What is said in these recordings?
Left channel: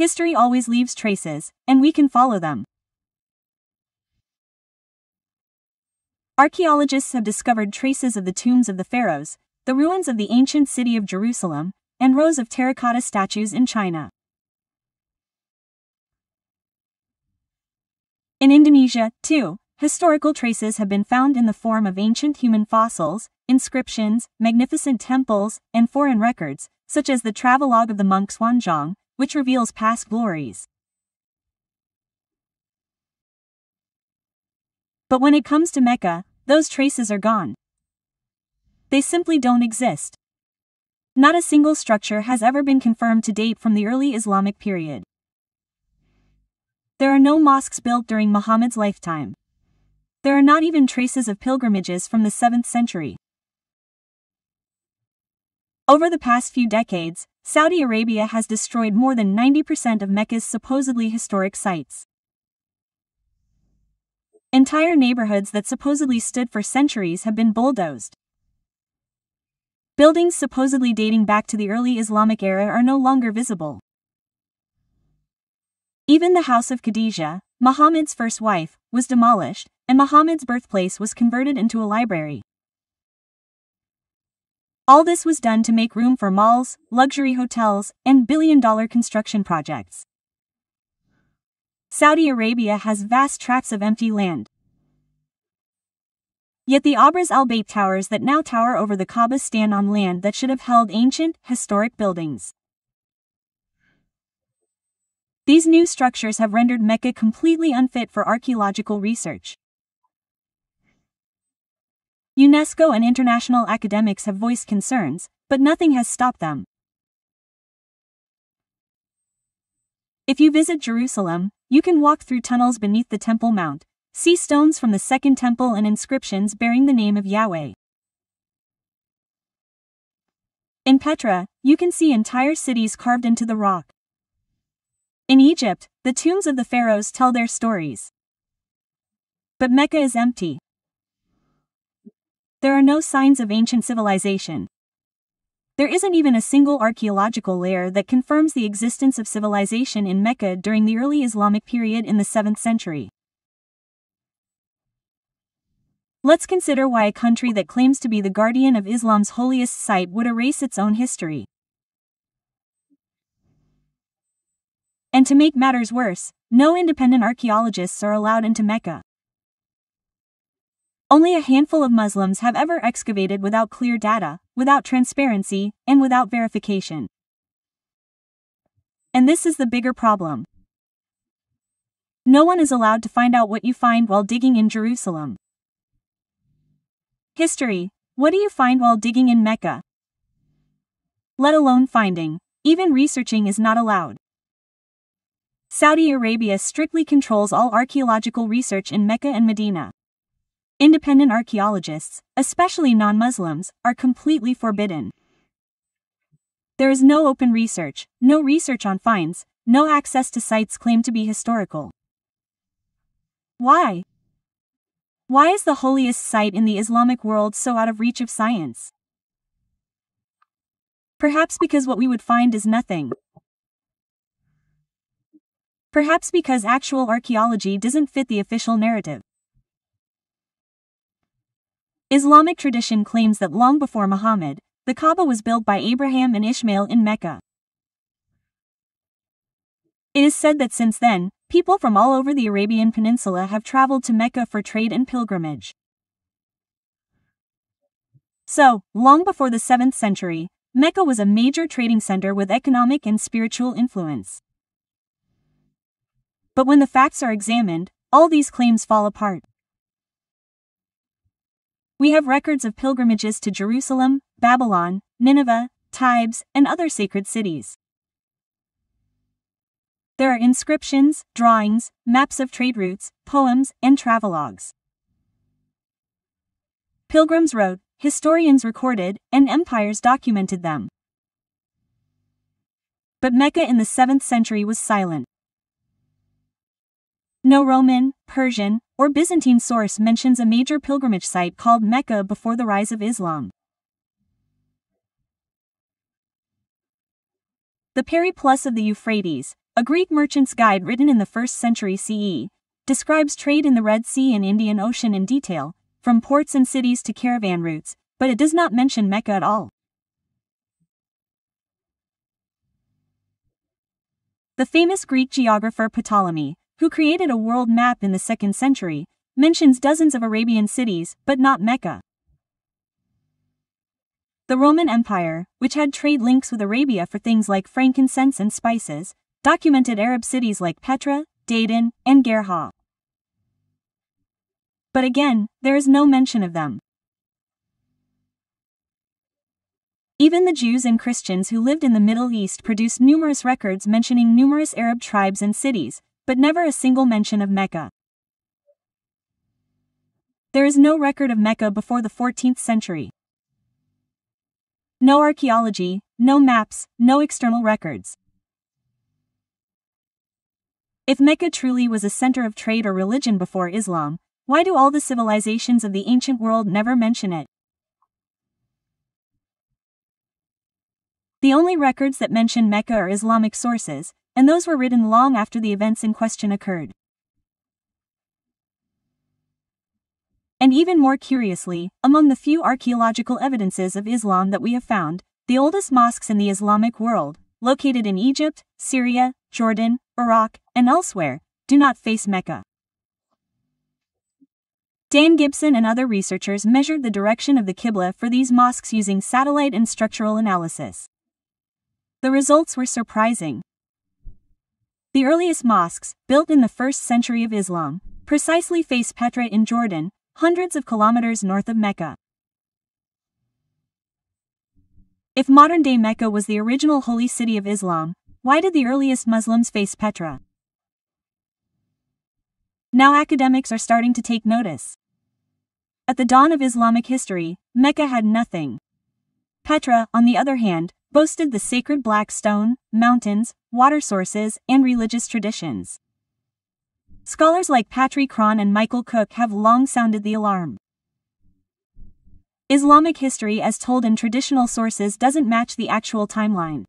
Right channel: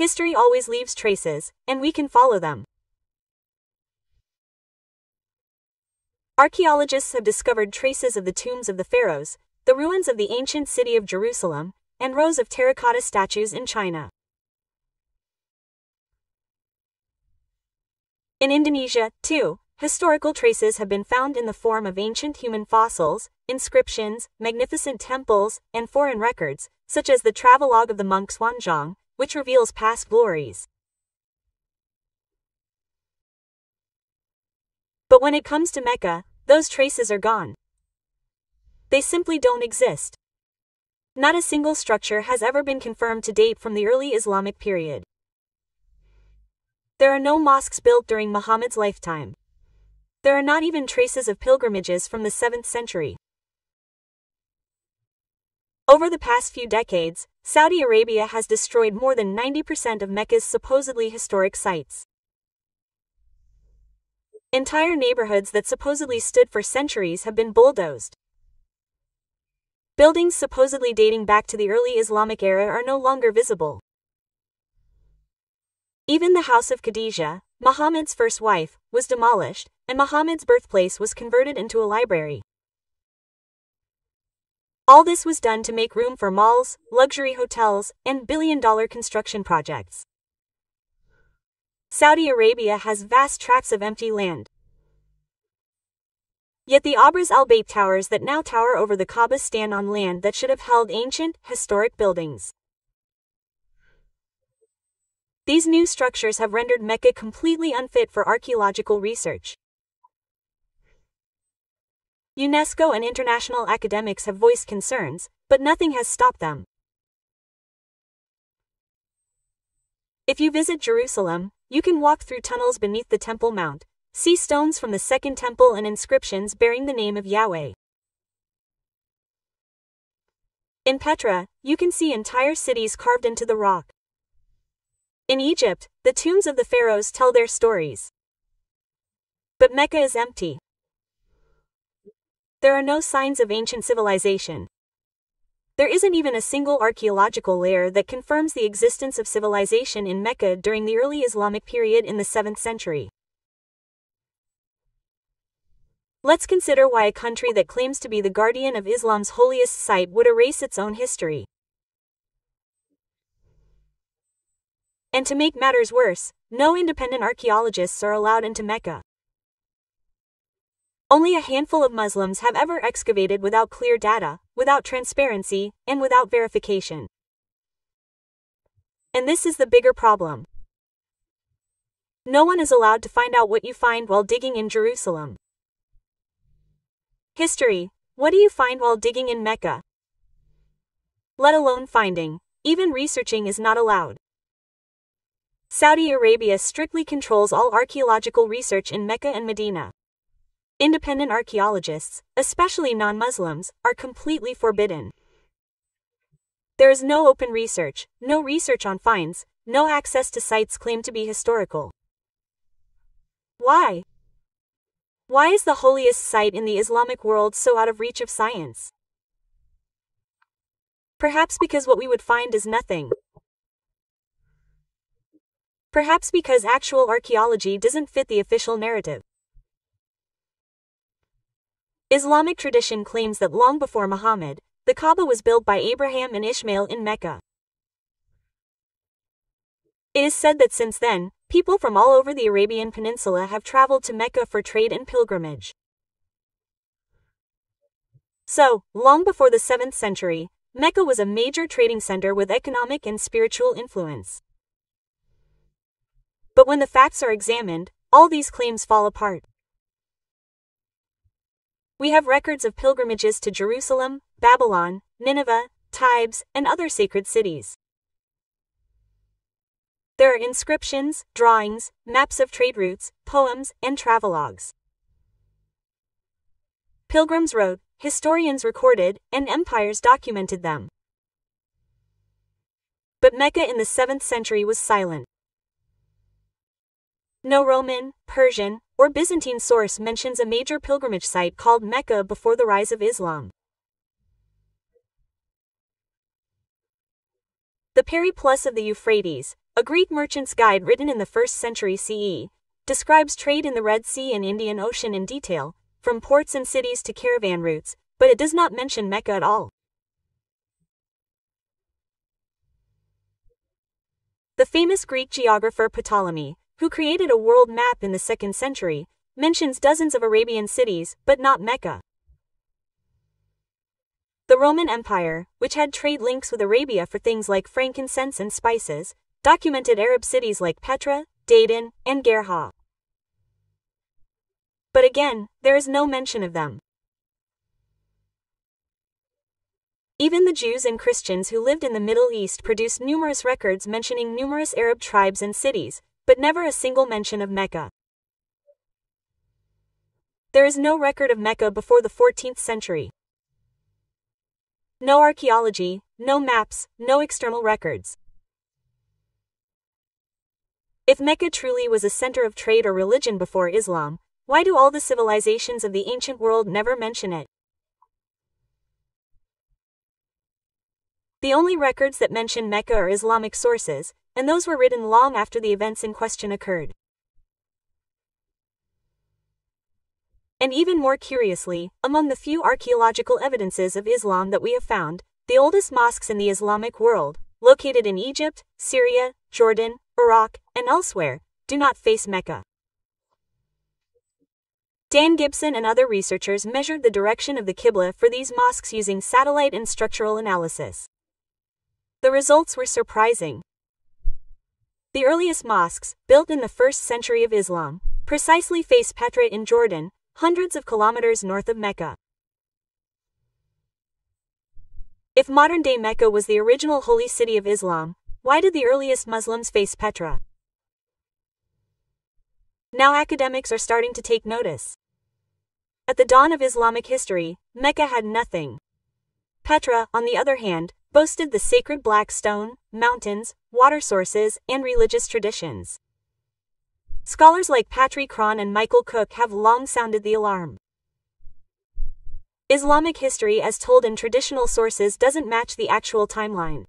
History always leaves traces, and we can follow them. Archaeologists have discovered traces of the tombs of the pharaohs, the ruins of the ancient city of Jerusalem, and rows of terracotta statues in China. In Indonesia, too, historical traces have been found in the form of ancient human fossils, inscriptions, magnificent temples, and foreign records, such as the travelogue of the monk Xuanzang, which reveals past glories. But when it comes to Mecca, those traces are gone. They simply don't exist. Not a single structure has ever been confirmed to date from the early Islamic period. There are no mosques built during Muhammad's lifetime. There are not even traces of pilgrimages from the 7th century. Over the past few decades, Saudi Arabia has destroyed more than 90% of Mecca's supposedly historic sites. Entire neighborhoods that supposedly stood for centuries have been bulldozed. Buildings supposedly dating back to the early Islamic era are no longer visible. Even the house of Khadijah, Muhammad's first wife, was demolished, and Muhammad's birthplace was converted into a library. All this was done to make room for malls, luxury hotels, and billion-dollar construction projects. Saudi Arabia has vast tracts of empty land. Yet the Abras al-Bayt towers that now tower over the Kaaba stand on land that should have held ancient, historic buildings. These new structures have rendered Mecca completely unfit for archaeological research. UNESCO and international academics have voiced concerns, but nothing has stopped them. If you visit Jerusalem, you can walk through tunnels beneath the Temple Mount, see stones from the Second Temple and inscriptions bearing the name of Yahweh. In Petra, you can see entire cities carved into the rock. In Egypt, the tombs of the pharaohs tell their stories. But Mecca is empty. There are no signs of ancient civilization. There isn't even a single archaeological layer that confirms the existence of civilization in Mecca during the early Islamic period in the 7th century. Let's consider why a country that claims to be the guardian of Islam's holiest site would erase its own history. And to make matters worse, no independent archaeologists are allowed into Mecca. Only a handful of Muslims have ever excavated without clear data, without transparency, and without verification. And this is the bigger problem. No one is allowed to find out what you find while digging in Jerusalem. History: what do you find while digging in Mecca? Let alone finding, even researching is not allowed. Saudi Arabia strictly controls all archaeological research in Mecca and Medina. Independent archaeologists, especially non-Muslims, are completely forbidden. There is no open research, no research on finds, no access to sites claimed to be historical. Why? Why is the holiest site in the Islamic world so out of reach of science? Perhaps because what we would find is nothing. Perhaps because actual archaeology doesn't fit the official narrative. Islamic tradition claims that long before Muhammad, the Kaaba was built by Abraham and Ishmael in Mecca. It is said that since then, people from all over the Arabian Peninsula have traveled to Mecca for trade and pilgrimage. So, long before the 7th century, Mecca was a major trading center with economic and spiritual influence. But when the facts are examined, all these claims fall apart. We have records of pilgrimages to Jerusalem, Babylon, Nineveh, Thebes, and other sacred cities. There are inscriptions, drawings, maps of trade routes, poems, and travelogues. Pilgrims wrote, historians recorded, and empires documented them. But Mecca in the 7th century was silent. No Roman, Persian, or Byzantine source mentions a major pilgrimage site called Mecca before the rise of Islam. The Periplus of the Euphrates, a Greek merchant's guide written in the 1st century CE, describes trade in the Red Sea and Indian Ocean in detail, from ports and cities to caravan routes, but it does not mention Mecca at all. The famous Greek geographer Ptolemy, who created a world map in the 2nd century, mentions dozens of Arabian cities, but not Mecca. The Roman Empire, which had trade links with Arabia for things like frankincense and spices, documented Arab cities like Petra, Dedan, and Gerha. But again, there is no mention of them. Even the Jews and Christians who lived in the Middle East produced numerous records mentioning numerous Arab tribes and cities, but never a single mention of Mecca. There is no record of Mecca before the 14th century. No archaeology, no maps, no external records. If Mecca truly was a center of trade or religion before Islam, why do all the civilizations of the ancient world never mention it? The only records that mention Mecca are Islamic sources, and those were written long after the events in question occurred. And even more curiously, among the few archaeological evidences of Islam that we have found, the oldest mosques in the Islamic world, located in Egypt, Syria, Jordan, Iraq, and elsewhere, do not face Mecca. Dan Gibson and other researchers measured the direction of the Qibla for these mosques using satellite and structural analysis. The results were surprising. The earliest mosques, built in the 1st century of Islam, precisely face Petra in Jordan, hundreds of kilometers north of Mecca. If modern-day Mecca was the original holy city of Islam, why did the earliest Muslims face Petra? Now academics are starting to take notice. At the dawn of Islamic history, Mecca had nothing. Petra, on the other hand, boasted the sacred black stone, mountains, water sources, and religious traditions. Scholars like Patrick Cron and Michael Cook have long sounded the alarm. Islamic history as told in traditional sources doesn't match the actual timeline.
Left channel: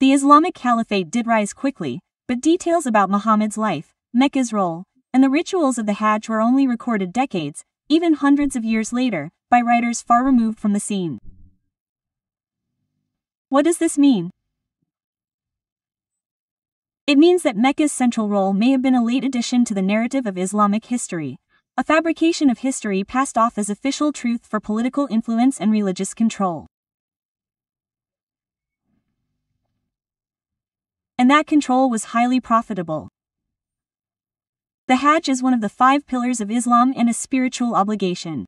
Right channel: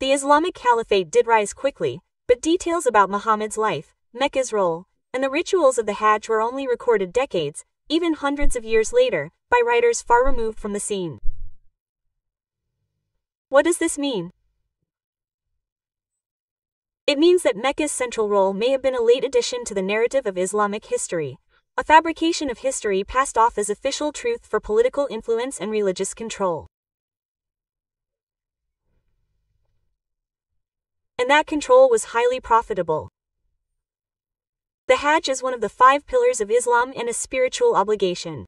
The Islamic Caliphate did rise quickly, but details about Muhammad's life, Mecca's role, and the rituals of the Hajj were only recorded decades, even hundreds of years later, by writers far removed from the scene. What does this mean? It means that Mecca's central role may have been a late addition to the narrative of Islamic history, a fabrication of history passed off as official truth for political influence and religious control. And that control was highly profitable. The Hajj is one of the 5 pillars of Islam and a spiritual obligation.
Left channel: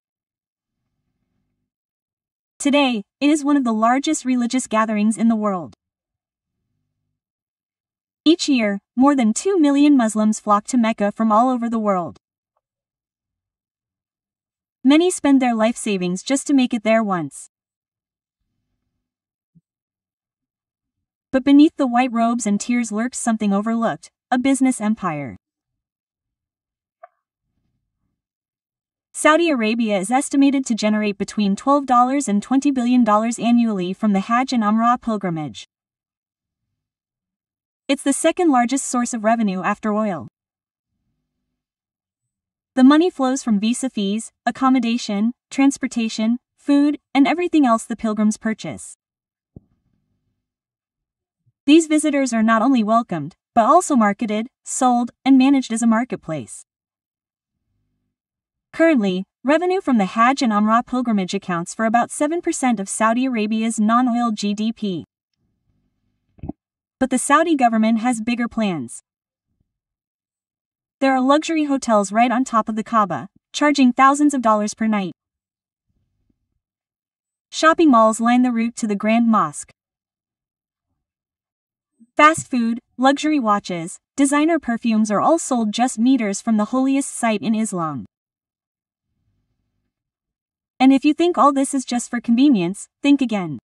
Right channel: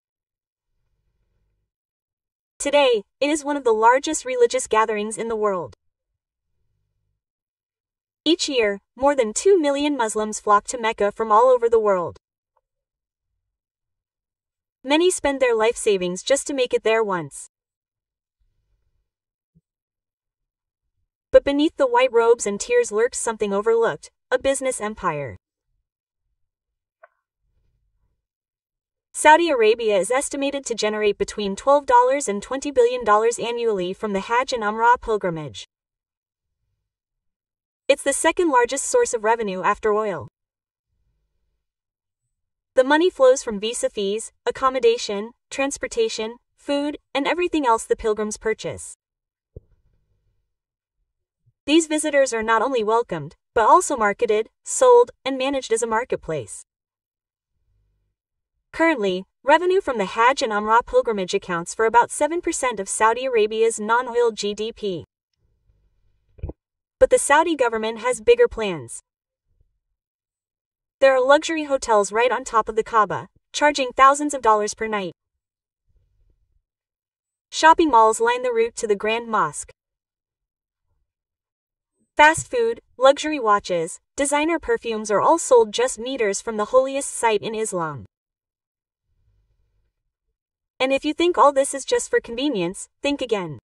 Today, it is one of the largest religious gatherings in the world. Each year, more than 2 million Muslims flock to Mecca from all over the world. Many spend their life savings just to make it there once. But beneath the white robes and tears lurks something overlooked, a business empire. Saudi Arabia is estimated to generate between $12 and $20 billion annually from the Hajj and Umrah pilgrimage. It's the second largest source of revenue after oil. The money flows from visa fees, accommodation, transportation, food, and everything else the pilgrims purchase. These visitors are not only welcomed, but also marketed, sold, and managed as a marketplace. Currently, revenue from the Hajj and Umrah pilgrimage accounts for about 7% of Saudi Arabia's non-oil GDP. But the Saudi government has bigger plans. There are luxury hotels right on top of the Kaaba, charging thousands of dollars per night. Shopping malls line the route to the Grand Mosque. Fast food, luxury watches, designer perfumes are all sold just meters from the holiest site in Islam. And if you think all this is just for convenience, think again.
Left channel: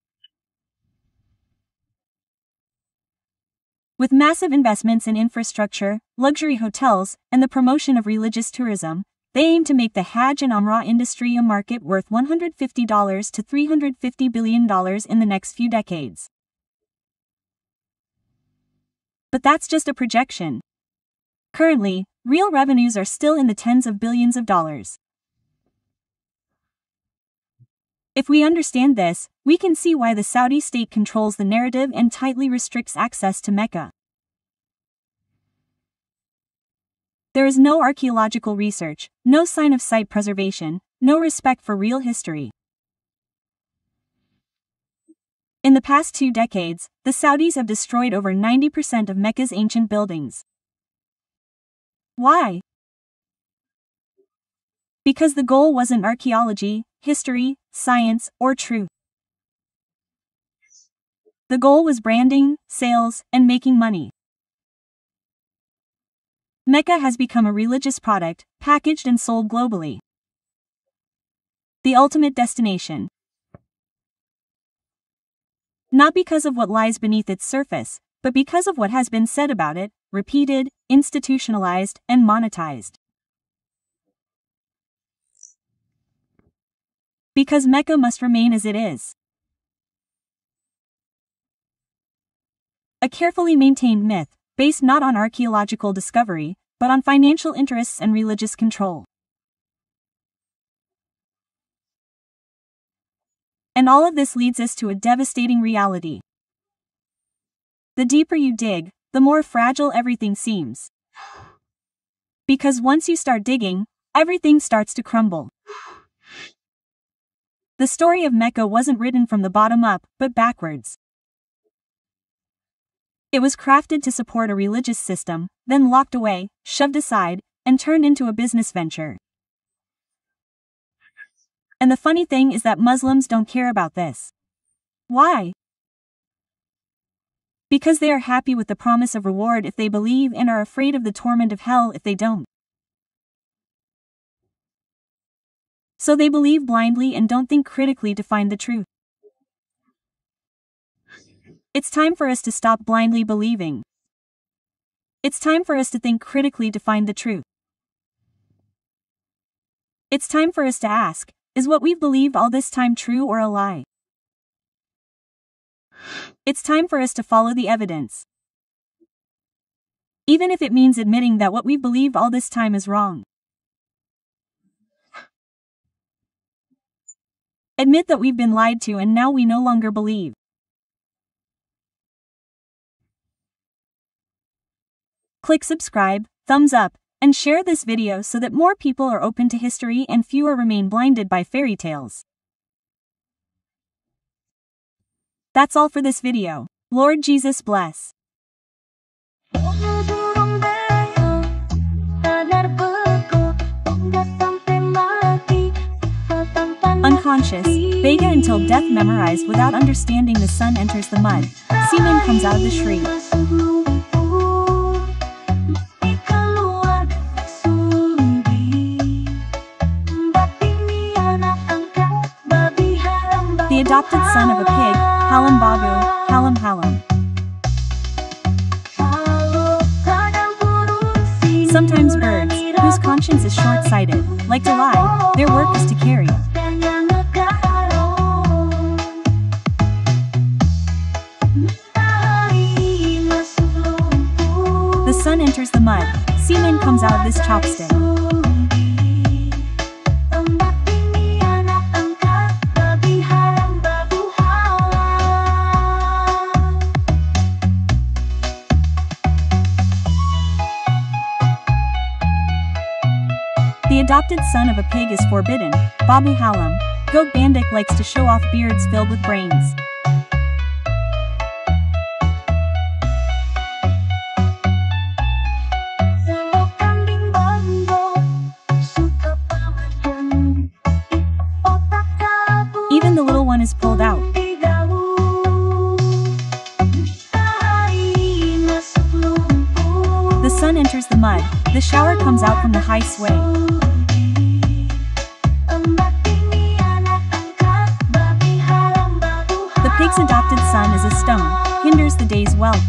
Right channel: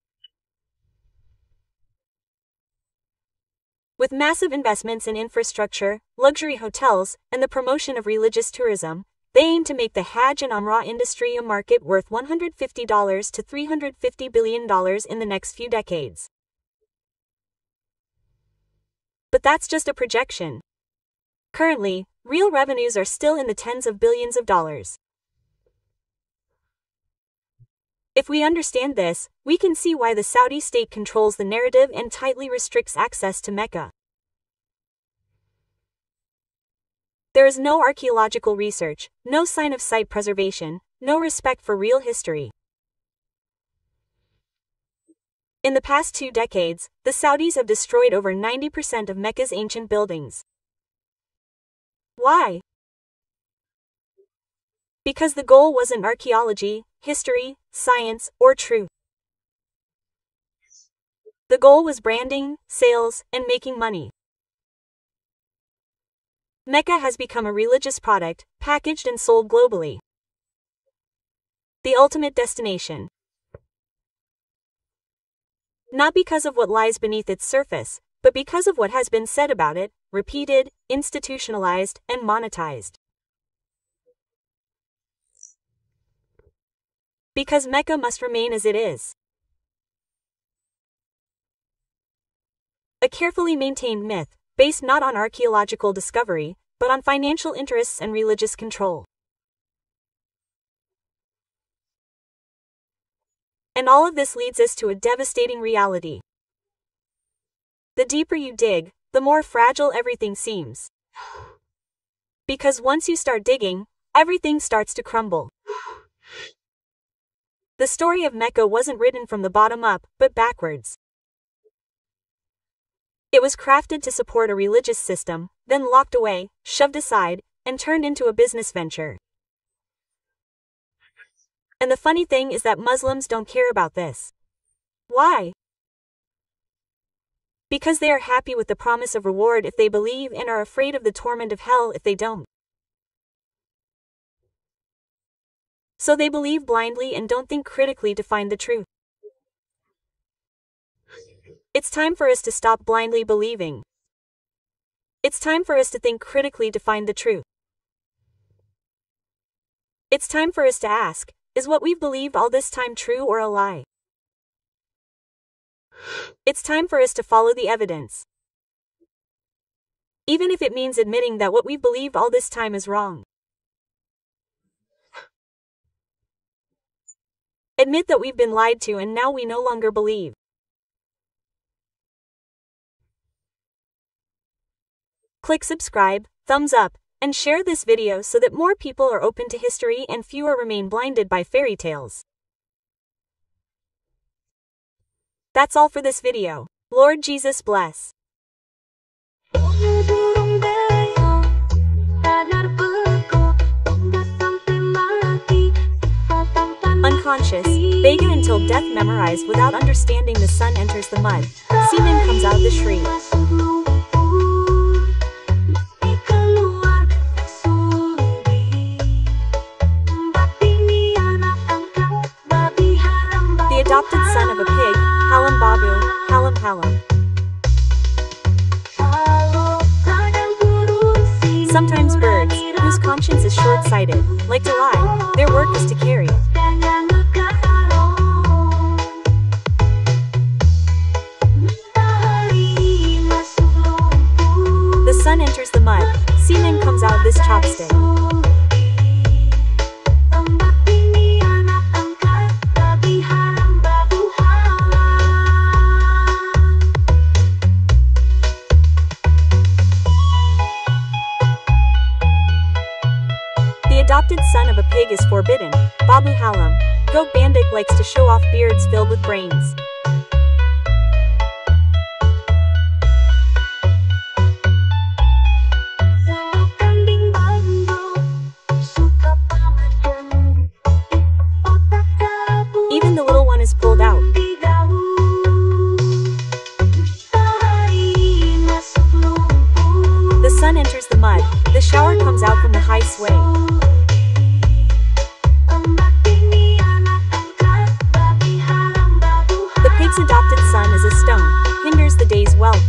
With massive investments in infrastructure, luxury hotels, and the promotion of religious tourism, they aim to make the Hajj and Umrah industry a market worth $150 to $350 billion in the next few decades. But that's just a projection. Currently, real revenues are still in the tens of billions of dollars. If we understand this, we can see why the Saudi state controls the narrative and tightly restricts access to Mecca. There is no archaeological research, no sign of site preservation, no respect for real history. In the past 2 decades, the Saudis have destroyed over 90% of Mecca's ancient buildings. Why? Because the goal wasn't archaeology, history, science, or truth. The goal was branding, sales, and making money. Mecca has become a religious product, packaged and sold globally. The ultimate destination. Not because of what lies beneath its surface, but because of what has been said about it, repeated, institutionalized, and monetized. Because Mecca must remain as it is. A carefully maintained myth, based not on archaeological discovery, but on financial interests and religious control. And all of this leads us to a devastating reality. The deeper you dig, the more fragile everything seems. Because once you start digging, everything starts to crumble. The story of Mecca wasn't written from the bottom up, but backwards. It was crafted to support a religious system, then locked away, shoved aside, and turned into a business venture. And the funny thing is that Muslims don't care about this. Why? Because they are happy with the promise of reward if they believe and are afraid of the torment of hell if they don't. So they believe blindly and don't think critically to find the truth. It's time for us to stop blindly believing. It's time for us to think critically to find the truth. It's time for us to ask, is what we've believed all this time true or a lie? It's time for us to follow the evidence. Even if it means admitting that what we've believed all this time is wrong. Admit that we've been lied to and now we no longer believe. Click subscribe, thumbs up, and share this video so that more people are open to history and fewer remain blinded by fairy tales. That's all for this video. Lord Jesus bless. Unconscious, Vega until death memorized without understanding. The sun enters the mud, semen comes out of the shriek. The adopted son of a pig, Halam Babu, Halam Halam. Sometimes birds, whose conscience is short-sighted, like to lie, their work is to carry. The sun enters the mud, semen comes out of this chopstick. The adopted son of a pig is forbidden, Babu Halam. Goat Bandit likes to show off beards filled with brains. Even the little one is pulled out. The sun enters the mud, the shower comes out from the high sway. The pig's adopted son is a stone, hinders the day's wealth.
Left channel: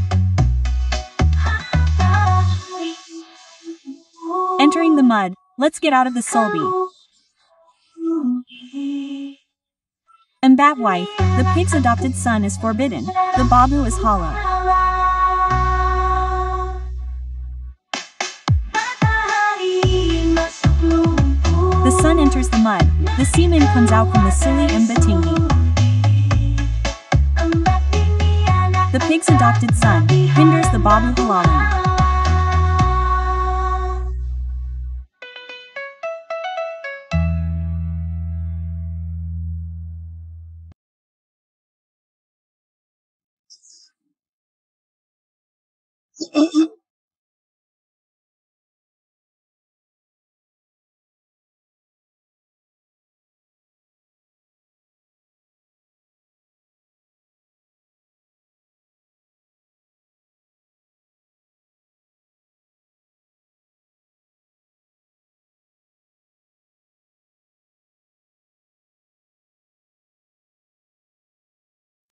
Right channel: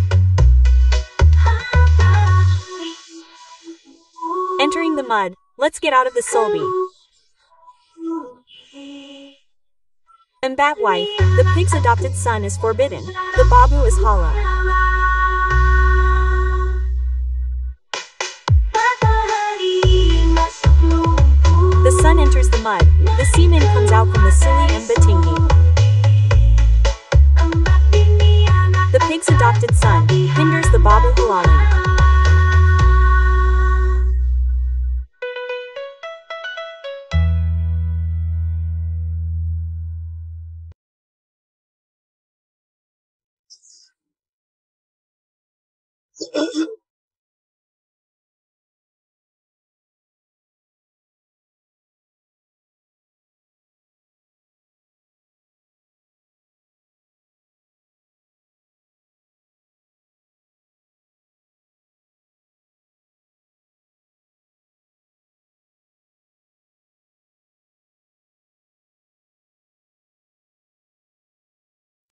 Entering the mud, Let's get out of the sulby. Embat wife, the pig's adopted son is forbidden. The babu is hollow. The sun enters the mud, the semen comes out from the sili and batingi. The pig's adopted son hinders the babu halaling.